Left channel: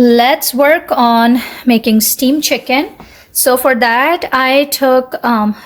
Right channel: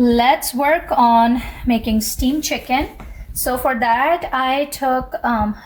Let's work on making steamed chicken. So for that, I took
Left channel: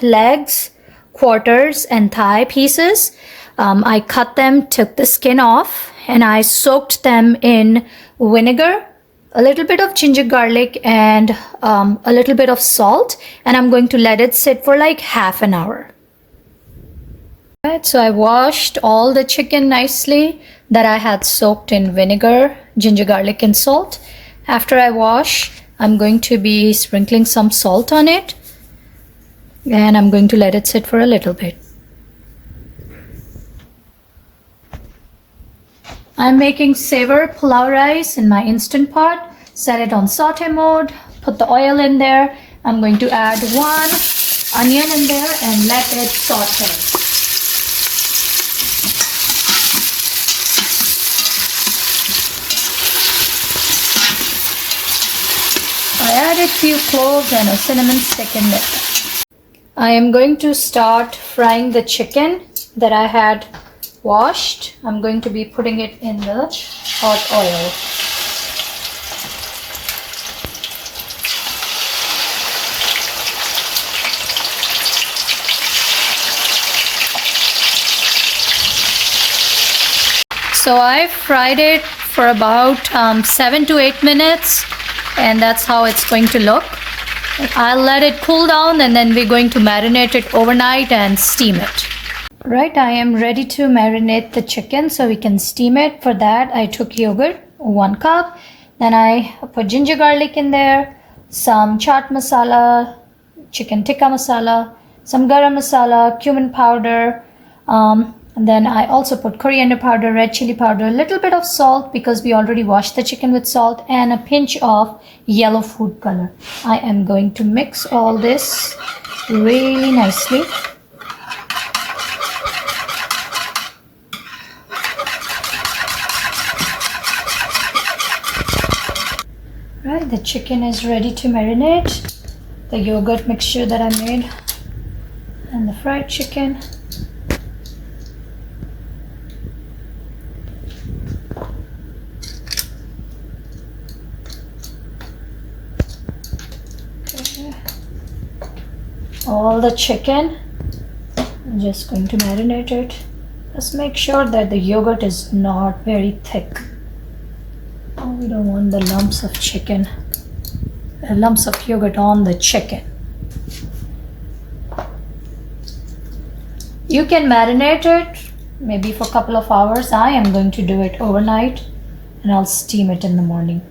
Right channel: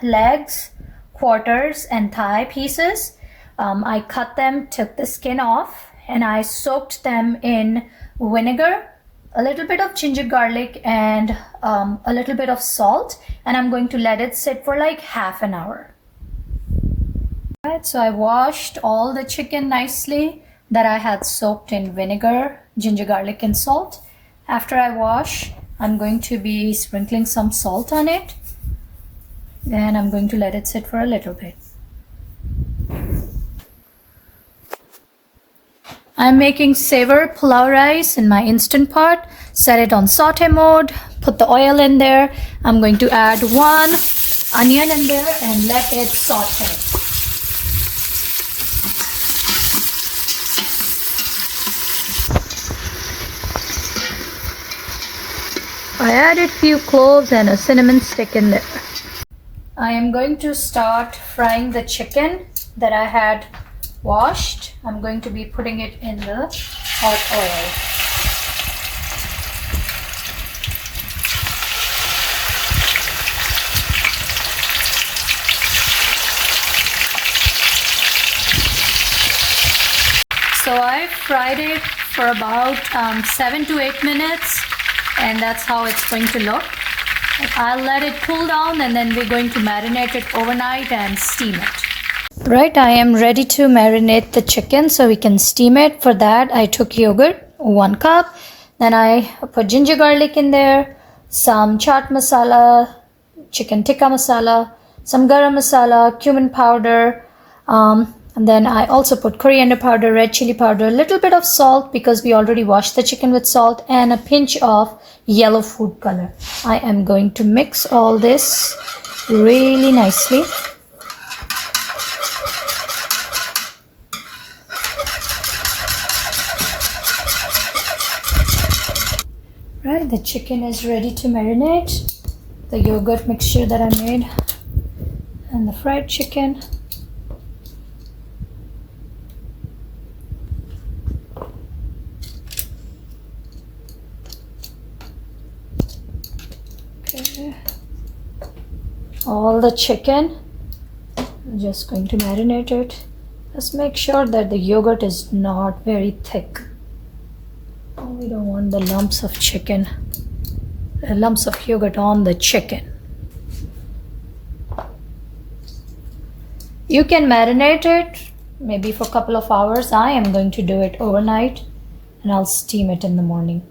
legs, quarters, and thigh pieces. I cut them, took the skin off, and I soaked them in vinegar, a little bit of ginger garlic, and a little bit of salt. And I'm going to let it sit for like half an hour. Right, so I washed all the chicken nicely that I had soaked in vinegar, ginger garlic, and salt. After I wash, I'm going to be sprinkling some salt on it, and I'm going to let it sit for a little bit. I'm making Savour pulao rice in my Instant Pot. Set it on saute mode, put the oil in there. I'm going to add 1 onion in there and let it saute. I added a few cloves and a cinnamon stick in there. I am going to start frying the chicken that I had washed. I'm going to be putting it in the hot oil. So I fried it for about 7 to 8 minutes. And that's how it's going to look. I'll let it cool down and then we're going to marinate it overnight and steam it. Right, I am ready to marinate the chicken so we can steam it. For that, I took yogurt, 1 cup. Then I put ginger garlic in there, some chaat masala, chicken tikka masala, some garam masala, cumin powder, and then I also put coriander powder, red chili powder, a little bit of salt because we already washed the chicken with salt, and a pinch of yellow food color. I am going to mix all this really nicely. Right, the chicken is ready to marinate. The yogurt mixture that I made and the fried chicken. All the chicken, I'm just going to marinate it. Just make sure that the yogurt is not very thick. Oh, we don't want the lumps of chicken, lumps of yogurt on the chicken. You can marinate it maybe for a couple of hours. I am going to do it overnight and I'll steam it in the morning.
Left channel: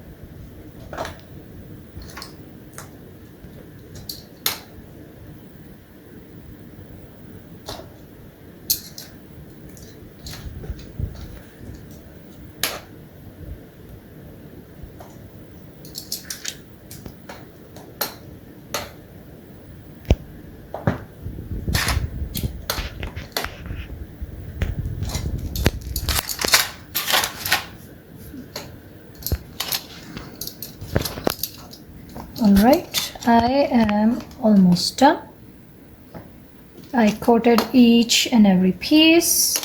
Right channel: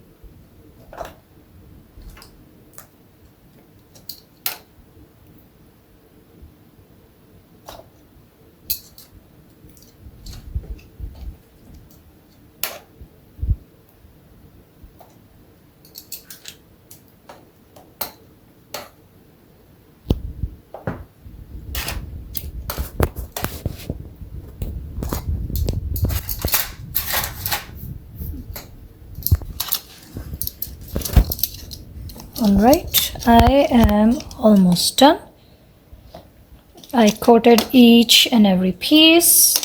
Alright, I am almost done. I coated each and every piece,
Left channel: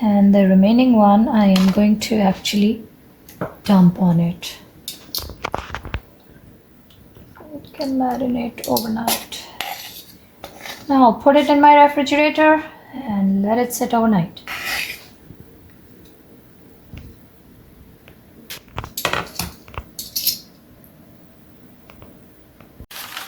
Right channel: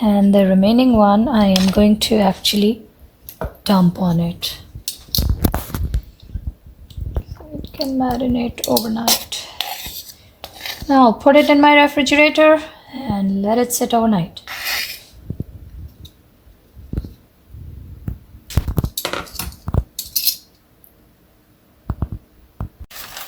and the remaining one I am going to actually dump on it. It can marinate overnight. Now I'll put it in my refrigerator and let it sit overnight.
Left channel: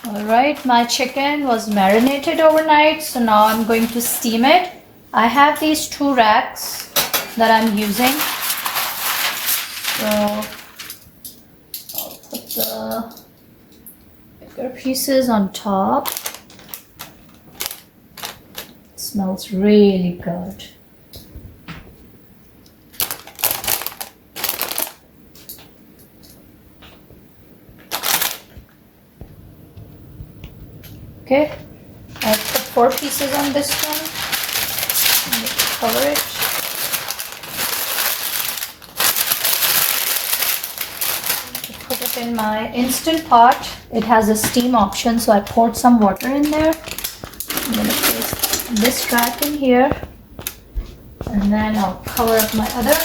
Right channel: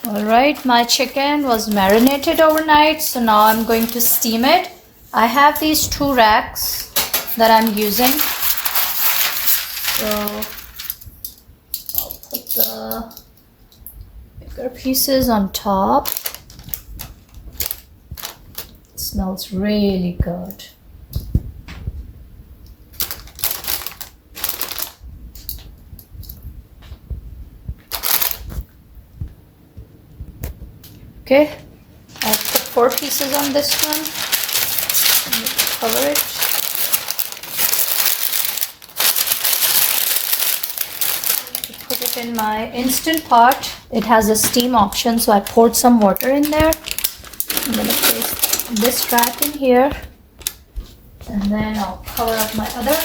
Alright, my chicken was marinated overnight, so now I'm going to steam it. I have these 2 racks that I'm using. So I'll put the bigger pieces on top. It smells really good. Okay, I'll put 4 pieces on this one. Cover it. Put it in my Instant Pot. It has a steam option, so I poured some water in there. I'm going to place this rack in here, and then I'll cover up my other.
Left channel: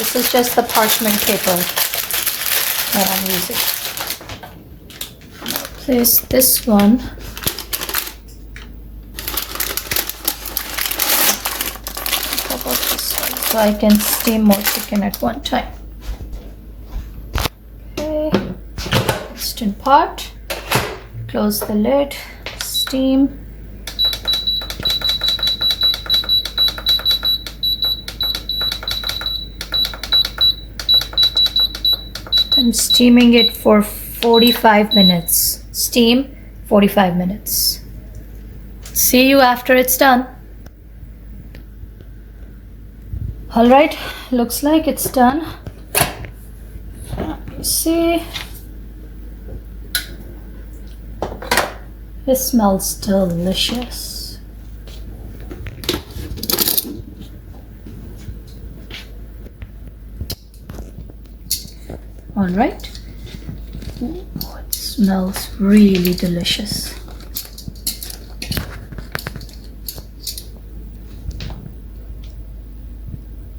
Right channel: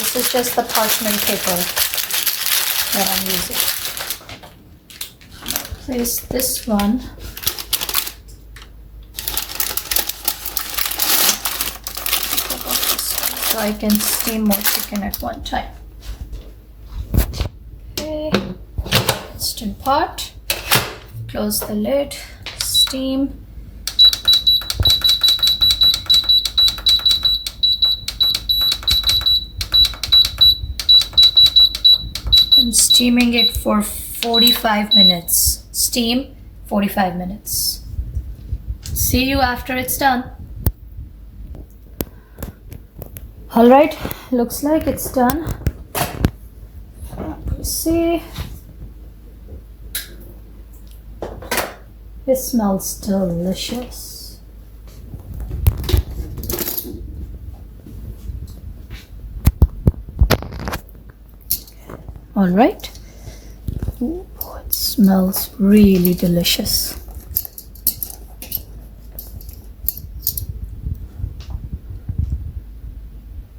This is just the parchment paper that I'm using. Place this one. So I can steam more chicken at one time. Okay, Instant pot. Close the lid. Steam. I'm steaming it for 45 minutes. Steam 45 minutes. See you after it's done. Alright, looks like it's done. You see, it smells delicious. Alright, it smells really delicious.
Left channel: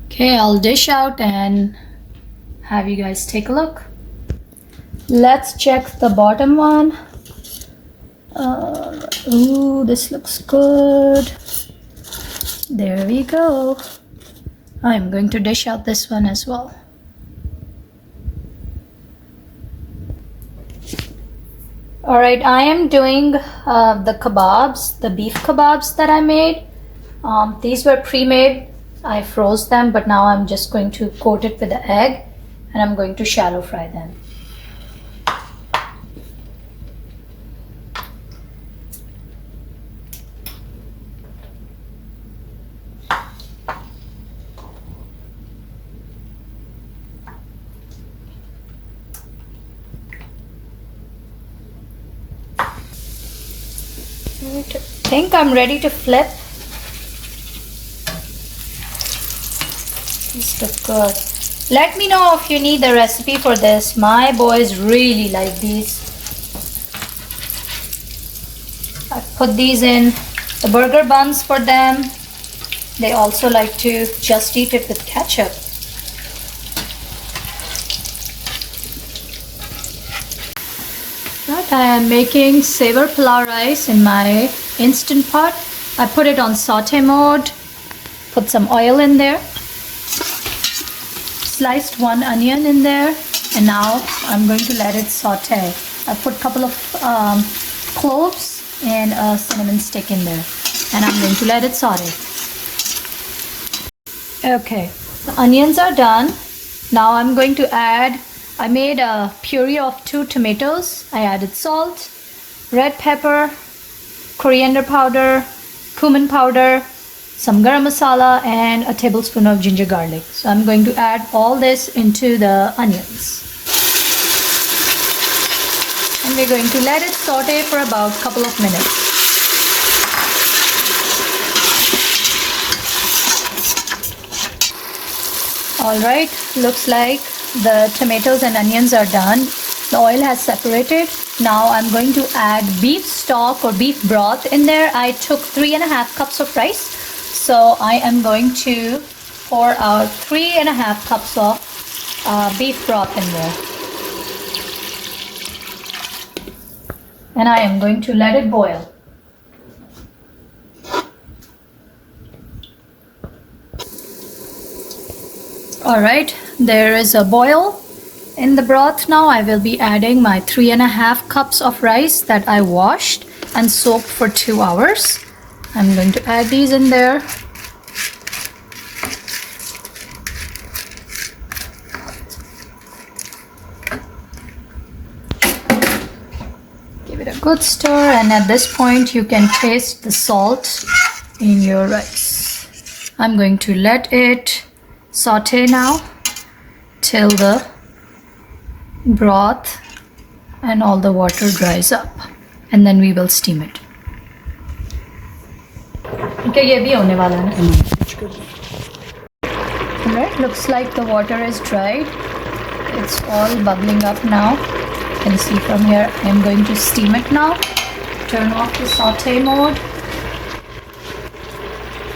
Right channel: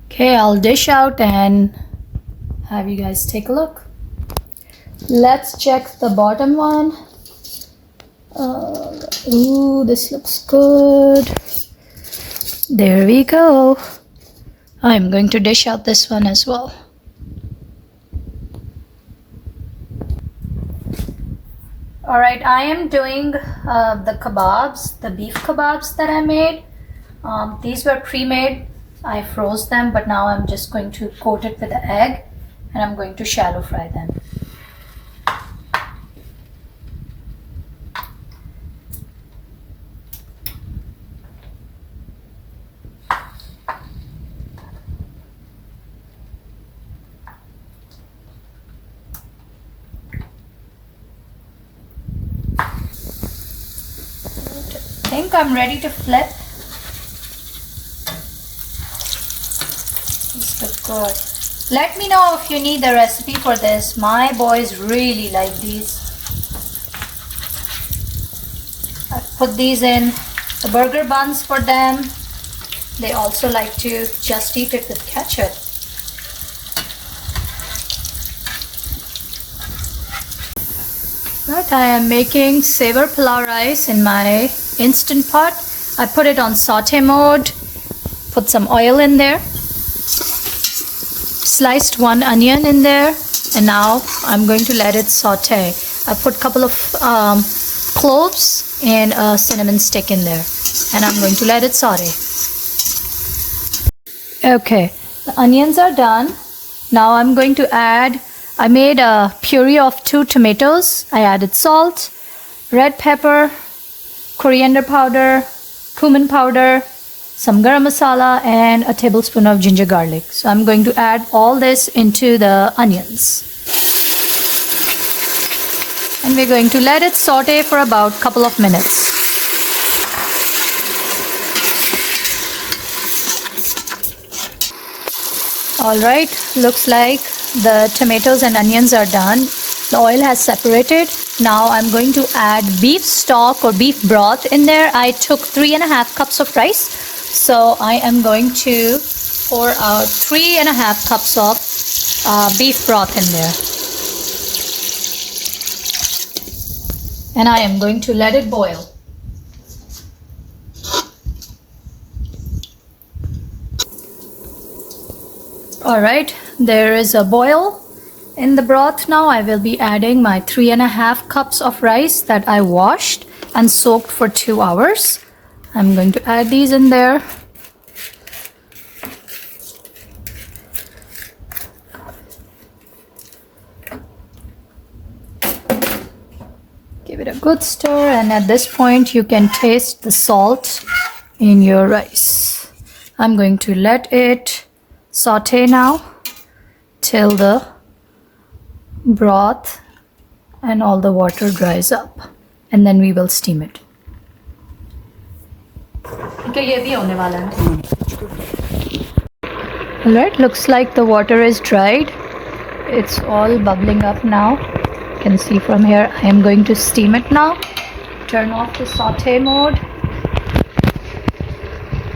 Okay, I'll dish out and have you guys take a look. Let's check the bottom one. Ooh, this looks good. There we go. I'm going to dish out this one as well. Alright, I am doing the kebabs, the beef kebabs that I made. These were pre-made. I froze them, but now I'm just going to coat it with the egg and I'm going to shallow fry them. I think I'm ready to flip. These look good. Let me know if you need the recipe for this. My boys really like these. I put these in the burger buns for them. They also like to just eat it with ketchup. Right, I am making Savour pulao rice in my instant pot. I put it on saute mode. Put some oil in there. Sliced one onion in there, and now I'm going to let it saute. I put a couple of cloves and a cinnamon stick in there, and I'm going to let it saute. Okay, the onions are done. Now I'm going to add, I made a puree of 2 tomatoes. I added salt, red pepper, coriander powder, cumin powder, some garam masala, and a tablespoon of ginger garlic. So I'm going to add all this into the onions. And we're going to let it saute for about a couple of minutes. Alright, looks like the tomatoes and onions are done. The oil has separated. Now I'm going to add beef stock or beef broth in there. I took 3.5 cups of rice. So I am going to pour out 3.5 cups of beef broth in there. And I am going to let it boil. Alright, there is a boil in the broth now. I will be adding my 3.5 cups of rice that I washed and soaked for 2 hours. I'm going to add these in there. Give it a good stir, and at this point you can taste the salt in your rice. I'm going to let it saute now till the broth and all the water dries up, and then we will steam it. Alright, looks like the water is dried. It's all bubbling up now. You can see from here. I am going to steam it now. Turn off the saute mode.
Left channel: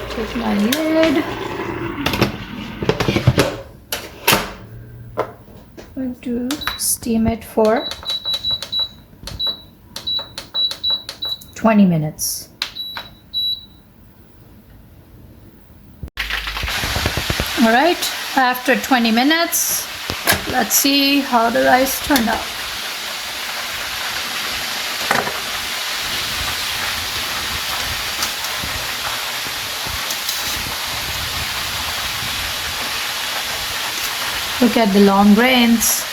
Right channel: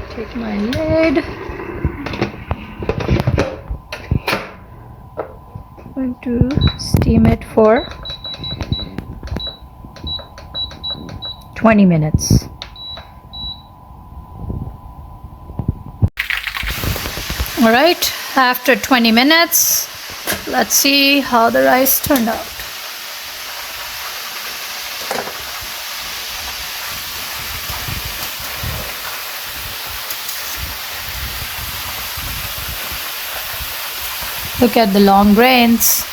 Take my lid. to steam it for 20 minutes. All right, after 20 minutes, let's see how the rice turned out. Look at the long grains.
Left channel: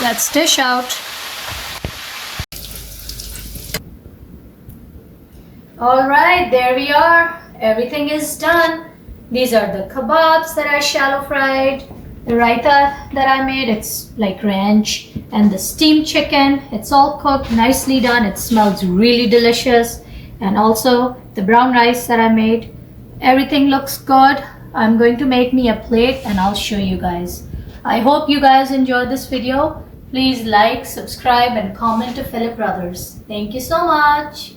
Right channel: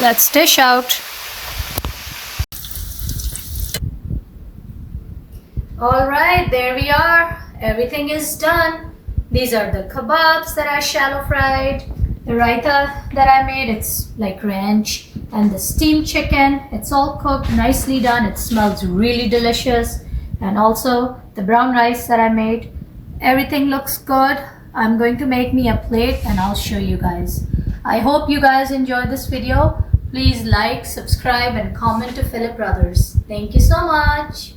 Let's dish out. All right, there we are. Everything is done. These are the kebabs that I shallow fried. The raita that I made, it's like ranch. And the steamed chicken, it's all cooked, nicely done. It smells really delicious. And also the brown rice that I made. Everything looks good. I'm going to make me a plate and I'll show you guys. I hope you guys enjoyed this video. Please like, subscribe and comment to Philip Brothers. Thank you so much.